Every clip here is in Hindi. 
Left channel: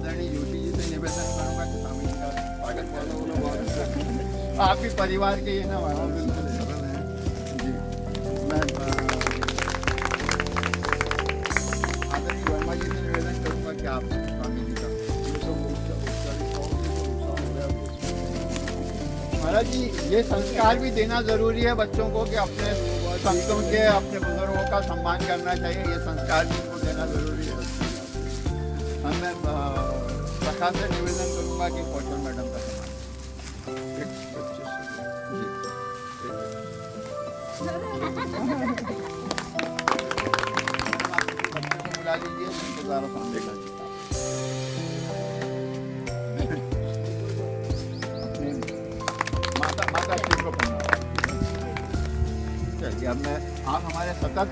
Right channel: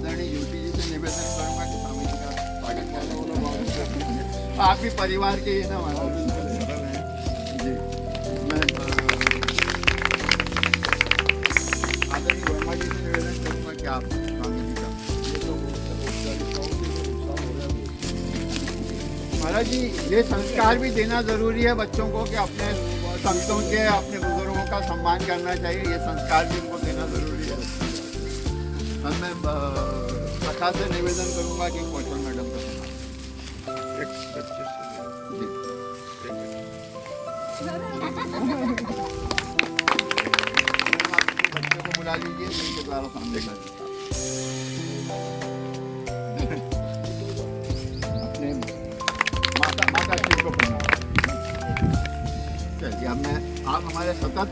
आदरणीय ज्योति जी से निवेदन करूंगा कि स्वामी जी का स्वागत बोलो आप भी परिवार के ही ना। हाँ बिल्कुल जी। मैं आदरणीय वर्मा जी से निवेदन करूंगा कि आप स्वामी जी का ये तो औपचारिकताओं से तो नुकसान हो रहा है। महाराज जी ये संस्कार भी देना जरूरी है बच्चों को कि अपने संतों के अपने बुजुर्गों का सम्मान करना चाहिए। ये संस्कार भी उनको देना जरूरी है। मैं कथा से निवेदन करूंगा कि कौशल मैडम का एक बच्चे से जी बच्चों को बुला लीजिए उनके द्वारा समझेगा अपने माता माता जी को प्रणाम। चलिए अब मैं आप हमारे सतत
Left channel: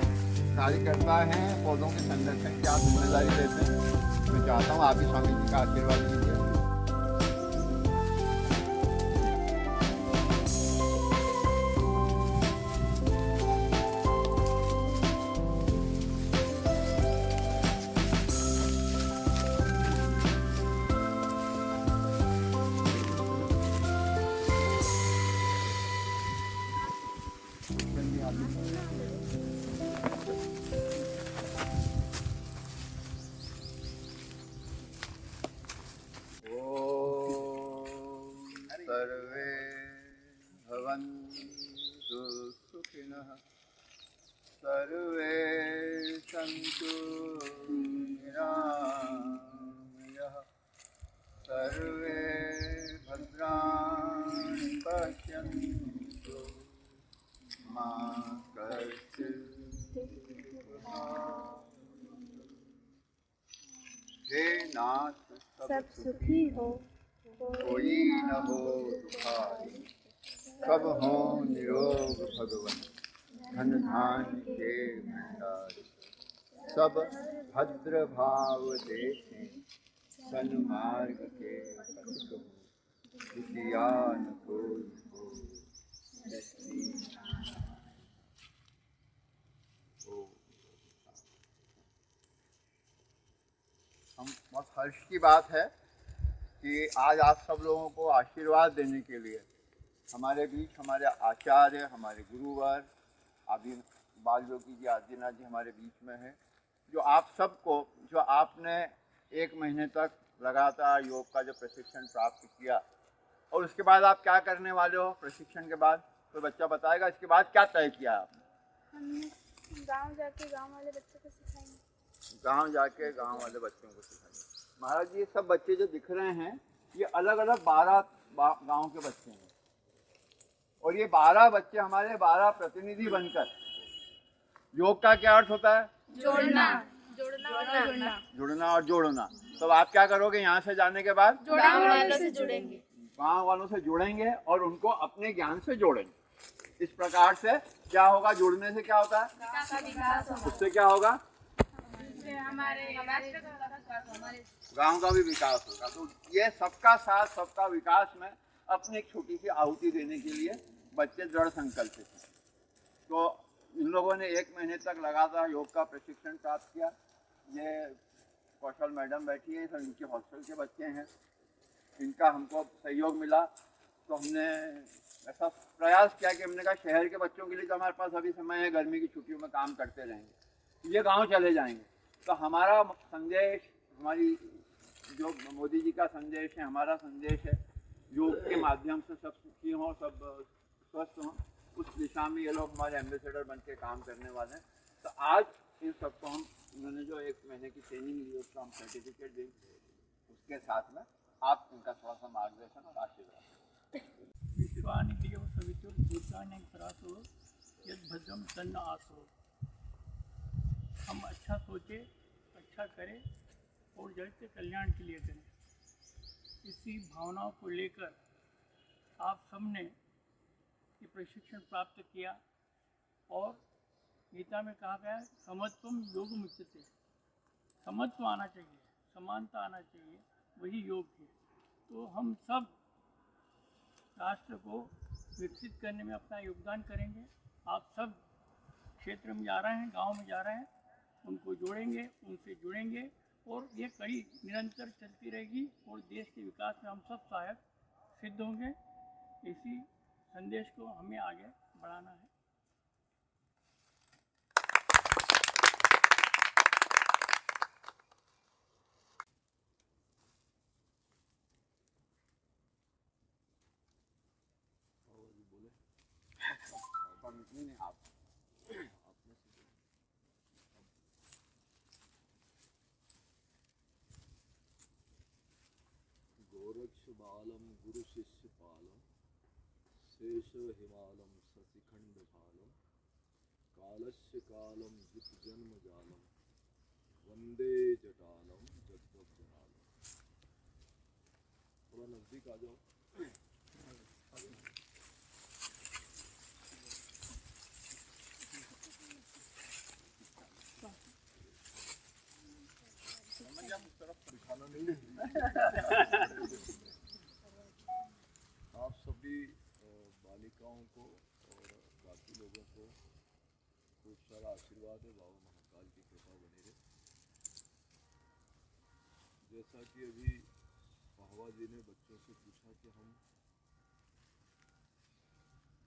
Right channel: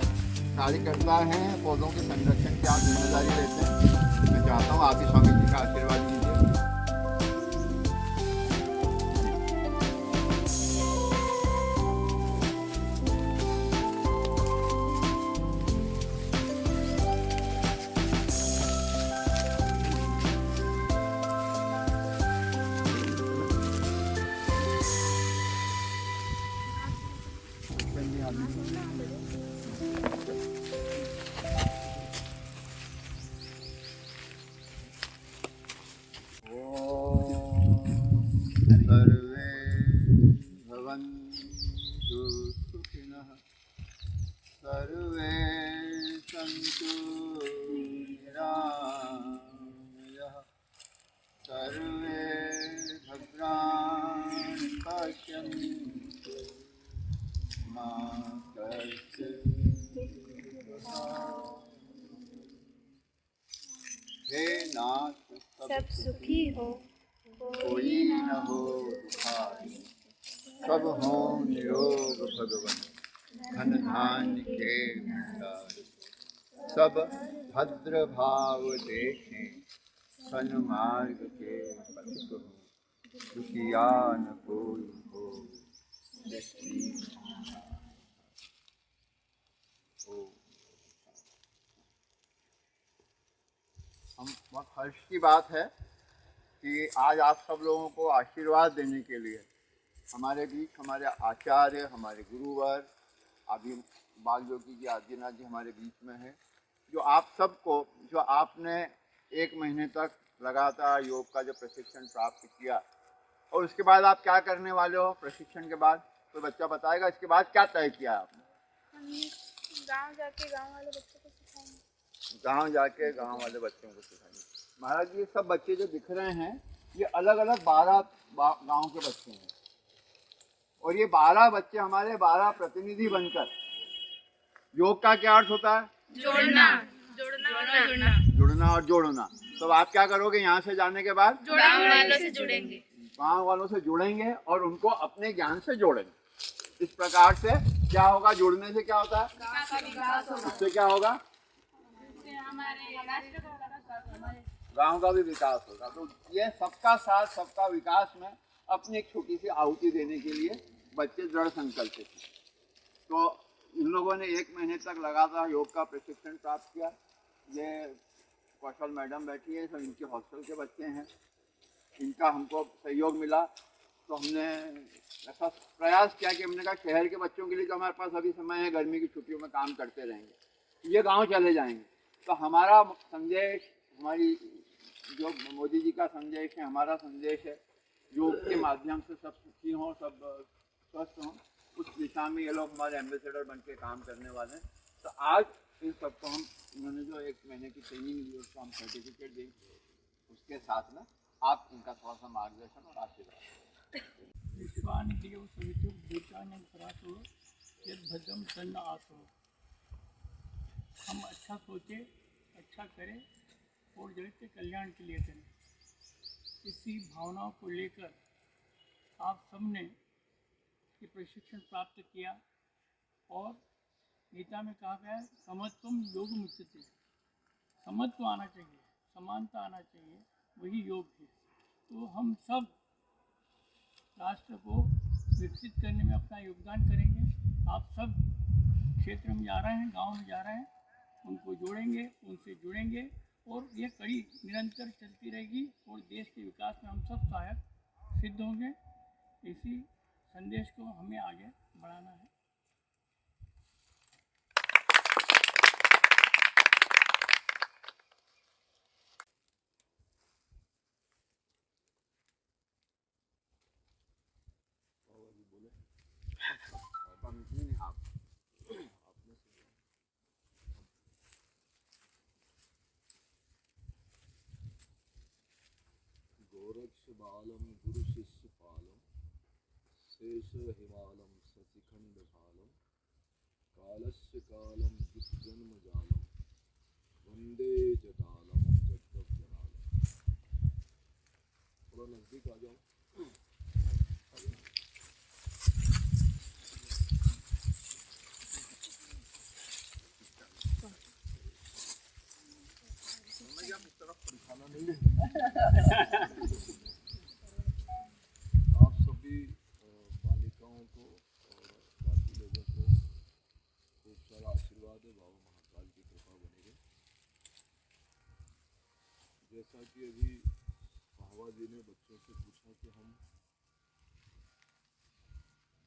कार्यकर्ता हैं पौधों के संरक्षण की आप जिम्मेदारी लेते हैं। मैं चाहता हूँ आप भी स्वामी जी का आशीर्वाद लीजिए। सर्वे भवन्तु सुखिनः सर्वे सन्तु निरामयाः सर्वे भद्राणि पश्यन्तु मा कश्चित् हे नाथ सब सुखी हो कोई न हो दुखारी सब हो निरोग भगवन धन धान्य के भंडारी सब भद्र भाव देखें सन्मार्ग के पथ हो दुखिया न कोई हो हम बहुत हर्ष की बात है कि आज आप सब लोगों को आशीर्वाद देने के लिए हमारे बीच हमारे आचार्य हमारे गुरुवर अभी बाल योगी जी आदिनाथ जी हमारे बीच में है। जो आप सबको जो आपने एक महीने तक लगातार योग का जो प्रशिक्षण प्राप्त किया और उसके बाद आप क्या करने वाले हो प्रशिक्षण के बाद तो बच्चा बताएगा इसके बाद क्या तय किया आपने? हमने गांव जाके गांव वाले बच्चों को सिखाएंगे। गांव जाके गांव वाले बच्चों को सिखाएंगे। महाराज ये सब बच्चे जो दिख रहे हैं ये अलग अलग 12 गांव के बच्चे हैं और ये 12 बच्चे हमारे 12 प्रतिनिधि बनकर योग का क्या अर्थ होता है? जोड़ना जुड़ना और जोड़ना। तो आप क्या करोगे यहाँ से जाने के बाद? गांव वालों से जुड़ेंगे, गांव वालों से जुड़ेंगे और उनको अपने ज्ञान से जोड़ेंगे। इस प्रकार से क्या होगा? जुड़ने से क्या होता है? उससे क्या होगा? गांव का भी विकास होगा। तो ये सबका साथ सबका विकास में अपनी एक छोटी सी आहुति देने के लिए बच्चे दृढ़ संकल्पित हैं। तो इन लोगों ने एक महीने तक लगातार योग का प्रशिक्षण प्राप्त किया। ये कौशल मैडम बैठी है, सब इनके हॉस्टल के बच्चे हैं। इनका हमको सहयोग मिला तो हमने ऐसा प्रयास किया कि हमने कहा शहर के बच्चों के लिए तो हमारे पास अभी समय है, गर्मी की छुट्टियों में काम करते रहेंगे, ये गाँव चले जाएंगे। तो हमारा संदेश, हमारी जो मोदी जी का संदेश है, हमारा संदेश है योग के माध्यम से सब सुखी हों, सब स्वस्थ हों, उस दिशा में ये लोग हमारे एम्बेसडर बन के काम करने वाले हैं। तो आज इन सबको हम इन्होंने जो एक महीने की ट्रेनिंग ली उसका हम सर्टिफिकेट देंगे। उसके साथ में आप इनका थोड़ा सा मार्गदर्शन और आशीर्वाद। विश्वानि देव सवितुर्भूतानि परातो यद भद्रम तन्न आसो। हम अच्छा सोचें, अच्छा करें और जगत के कल्याण के लिए करें। इसी भावनाओं को लेकर आप सबने ये प्रशिक्षण प्राप्त किया और गीता में कहा गया है समत्वम योग मुच्यते। समत्व आना चाहिए, समानता आना चाहिए, वही योग है। तो हम सब राष्ट्र को विकसित करने में अपना योगदान करेंगे। आप सब क्षेत्र में जा रहे हैं, गांव में जा रहे हैं, उनको जोड़ेंगे, उनसे जुड़ेंगे और ये कड़ी निरंतर चलती रहेगी और देश के विकास में हम सब सहायक सिद्ध होंगे। इसी संदेश को हमें आगे बढ़ाना है। गोरक्ष बालम गुरु शिष्य पालम शेष हिमालम शशिखंड भालम कालस्य कालम जित जन्म जालम वंदे जटालम जगदप जनालम। थोड़ा नजदीक आ जाओ। दिखाना नहीं है। आप सभी बालिकाओं को और बाकी लोगों को खूब सारा आशीर्वाद है। बाबा महाकाल की कृपा बनी रहे। जैसा कि अभी पाहवा जी ने बच्चों से पूछा कि हम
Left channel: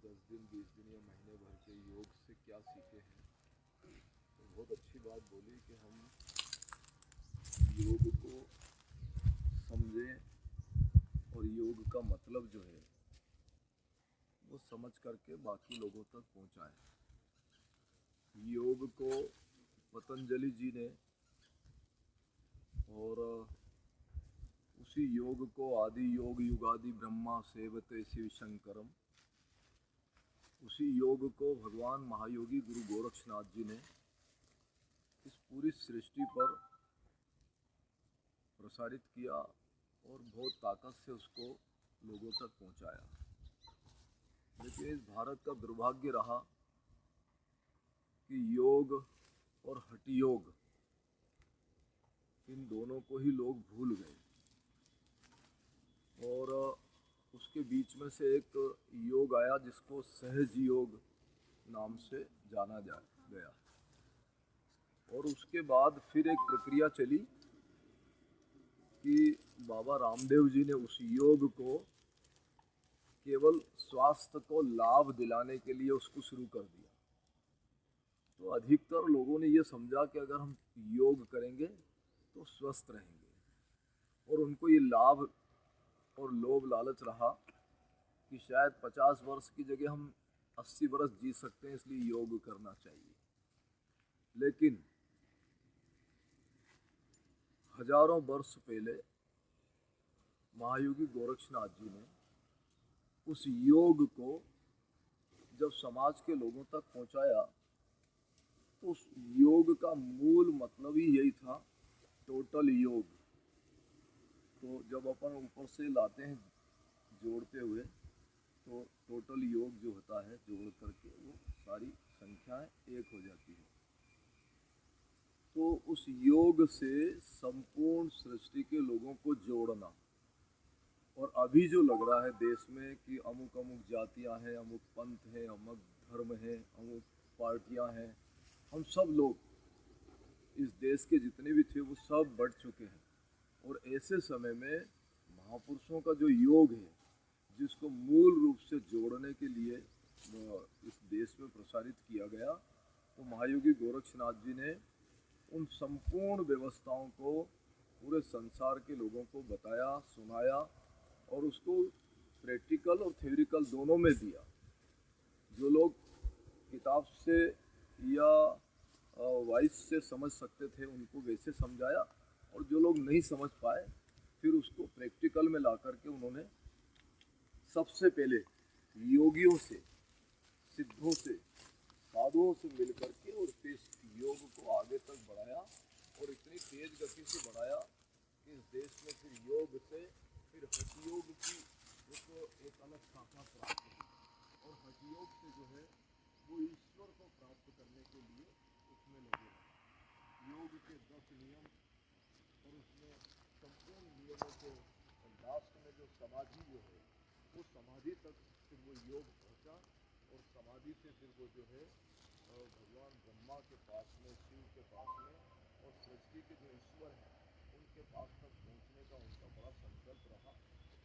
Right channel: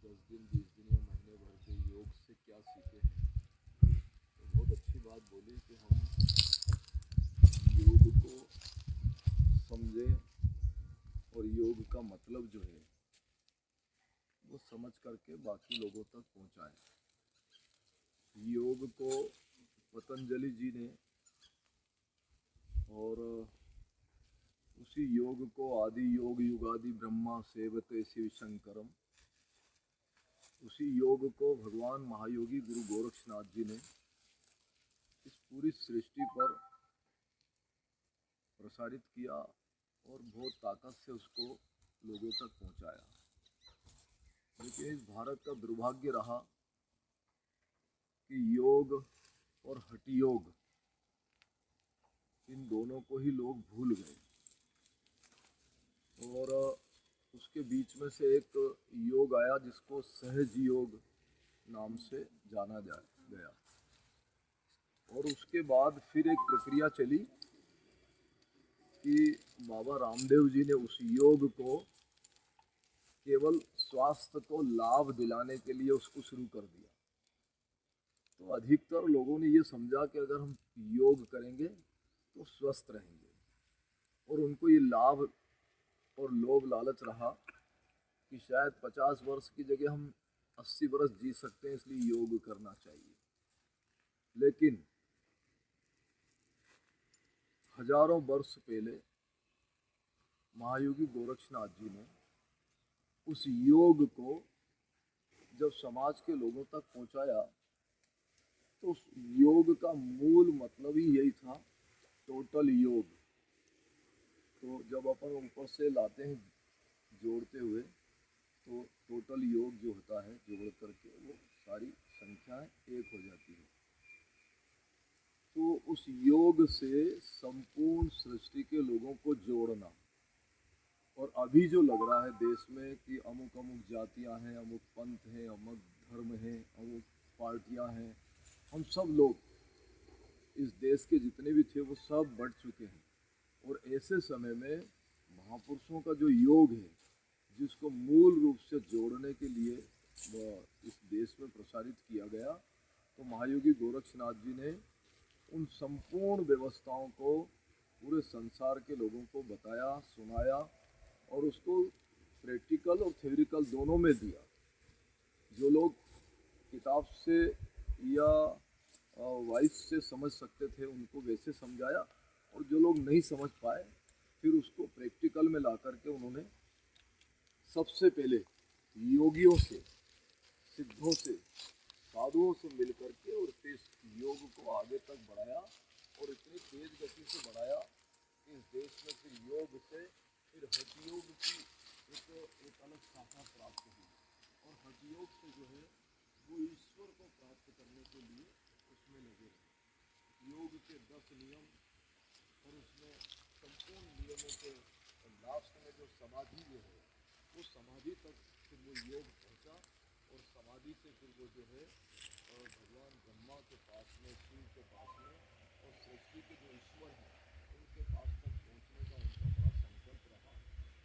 10 दिन 20 दिन या महीने भर के योग से क्या सीखे हैं, तो बहुत अच्छी बात बोली कि हम योग को समझें और योग का मतलब जो है वो समझ करके बाकी लोगों तक पहुंचाएं। योग को पतंजलि जी ने और उसी योग को आदि योग युगादि ब्रह्मा सेवते शिव शंकरम, उसी योग को भगवान महायोगी गुरु गोरक्षनाथ जी ने इस पूरी सृष्टि पर प्रसारित किया और बहुत ताकत से उसको लोगों तक पहुंचाया। लेकिन इस भारत का दुर्भाग्य रहा कि योग और हठ योग इन दोनों को ही लोग भूल गए और उसके बीच में से एक योग आया जिसको सहज योग नाम से जाना गया। और उसके बाद फिर एक प्रक्रिया चली कि बाबा रामदेव जी ने उस योग को केवल स्वास्थ्य को लाभ दिलाने के लिए उसको शुरू कर दिया। तो अधिकतर लोगों ने ये समझा कि अगर हम योग करेंगे तो स्वस्थ रहेंगे, और उनको ये लाभ और लोभ लालच रहा कि शायद 50 वर्ष की जगह हम 80 वर्ष जी सकते हैं, इसलिए योग करना चाहिए। लेकिन हजारों वर्ष पहले महायोगी गोरक्षनाथ जी ने उस योग को जब समाज के लोगों तक पहुंचाया तो उस योग का मूल मतलब ही यही था, टोटल योग। तो जब अपन ऊपर से लाते हैं जोड़ते हुए, तो टोटल योग जो होता है जोड़ करके वो सारी संख्याएं एक हो जाती है। तो उस योग से संपूर्ण सृष्टि के लोगों को जोड़ना। और अभी जो लग रहा है देश में कि अमुक अमुक जातियां हैं, अमुक पंथ हैं, अमुक धर्म हैं, अमुक पार्टियां हैं, हम सब लोग इस देश के जितने भी थे वो सब बढ़ चुके हैं। और ऐसे समय में महापुरुषों का जो योग है, जिसको मूल रूप से जोड़ने के लिए इस देश में प्रसारित किया गया, तो महायोगी गोरक्षनाथ जी ने उन संपूर्ण व्यवस्थाओं को पूरे संसार के लोगों को बताया, सुनाया और उसको प्रैक्टिकल और थ्योरिकल दोनों में दिया। जो लोग किताब से या वॉइस से समझ सकते थे उनको वैसे समझाया, और जो लोग नहीं समझ पाए फिर उसको प्रैक्टिकल में ला करके उन्होंने सबसे पहले योगियों से, सिद्धों से, साधुओं से मिल करके और फिर योग को आगे तक बढ़ाया। और इतनी तेज गति से बढ़ाया कि इस देश में फिर योग से फिर हठ योग की एक अलग शाखा प्राप्त हुई। और हठ योग से जो है वो ईश्वर को प्राप्त करने के लिए उसमें लगे रहे। योग के 10 नियम और उसमें संपूर्ण नियमों के लास्ट में जो समाधि जो है, वो समाधि तक फिर वो योग पहुंचा। और समाधि से फिर वो जो है भगवान ब्रह्मा के पास में, शिव के पास में, और सृष्टि के जो ईश्वर हैं के पास तक पहुंचने का उनका बड़ा संकल्प रहा।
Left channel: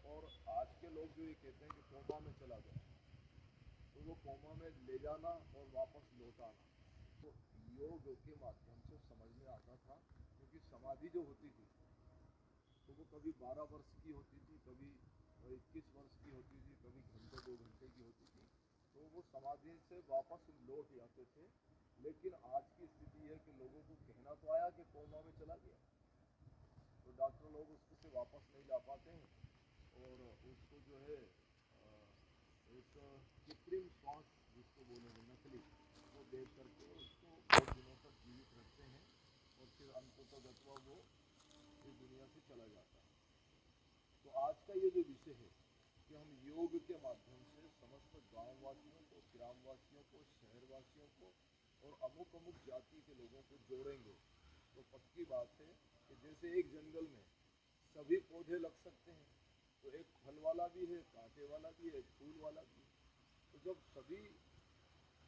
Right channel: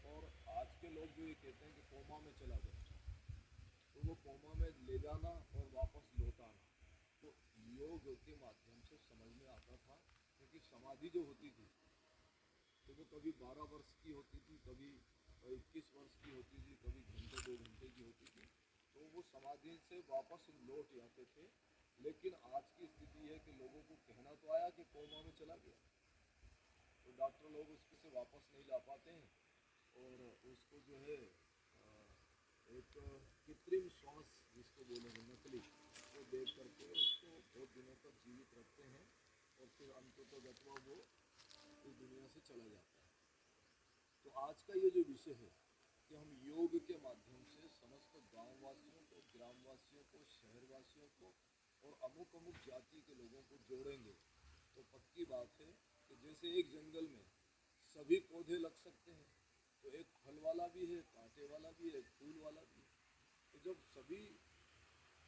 और आज के लोग जो ये कहते हैं कि कोमा में चला गया, तो वो कोमा में ले जाना और वापस लौटाना तो योग के माध्यम से समझ में आता था। क्योंकि समाधि जो होती थी तो वो कभी 12 वर्ष की होती थी, कभी 21 वर्ष की होती थी, कभी घंटे 2 घंटे की होती थी, तो वो समाधि से वापस लौट जाते थे। लेकिन आज की स्थिति है कि लोगों को कहना तो आया कि कोमा में चला गया, तो डॉक्टर लोग उसको से वापस नहीं ला पाते हैं और उसको जो है एक कृत्रिम श्वास जिसको बोलेंगे नकली, वो देख करके उसको बहुत दिनों तक जीवित रखते हैं और फिर अंततः वो इस दुनिया से चला जाता है। तो आज का ये जो विषय है कि हम योग के माध्यम से समस्त गांववासियों को, ग्रामवासियों को, शहरवासियों को और अमुक अमुक जाति के लोगों को जोड़ेंगे, तो पक्की बात है कि जैसे एक जंगल में सभी पौधे लग सकते हैं, तो एक फल वाला भी है, कांटे वाला भी है, फूल वाला भी है। तो जब सभी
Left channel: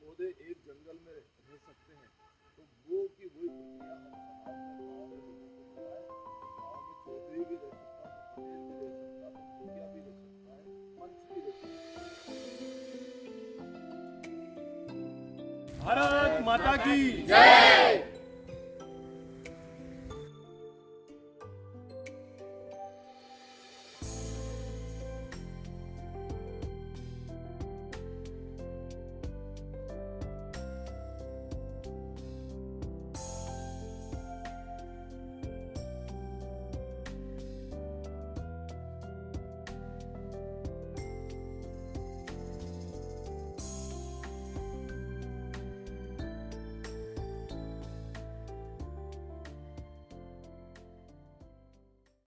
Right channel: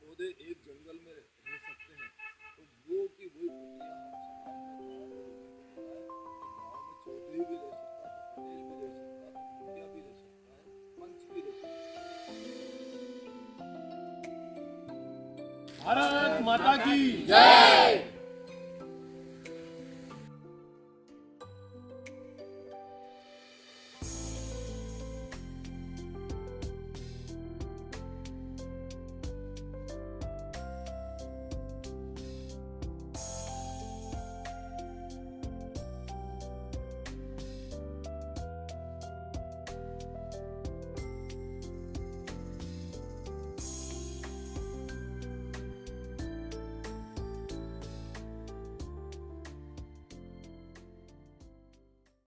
पौधे एक जंगल में रह सकते हैं, तो वो की वही प्रक्रिया हम समाज में गाँव में लोगों को बताएं। तो गाँव में चौधरी भी रह सकता, तो पटेल भी रह सकता, तो मुखिया भी रह सकता है, पंच भी रह सकता है। भारत माता की जय।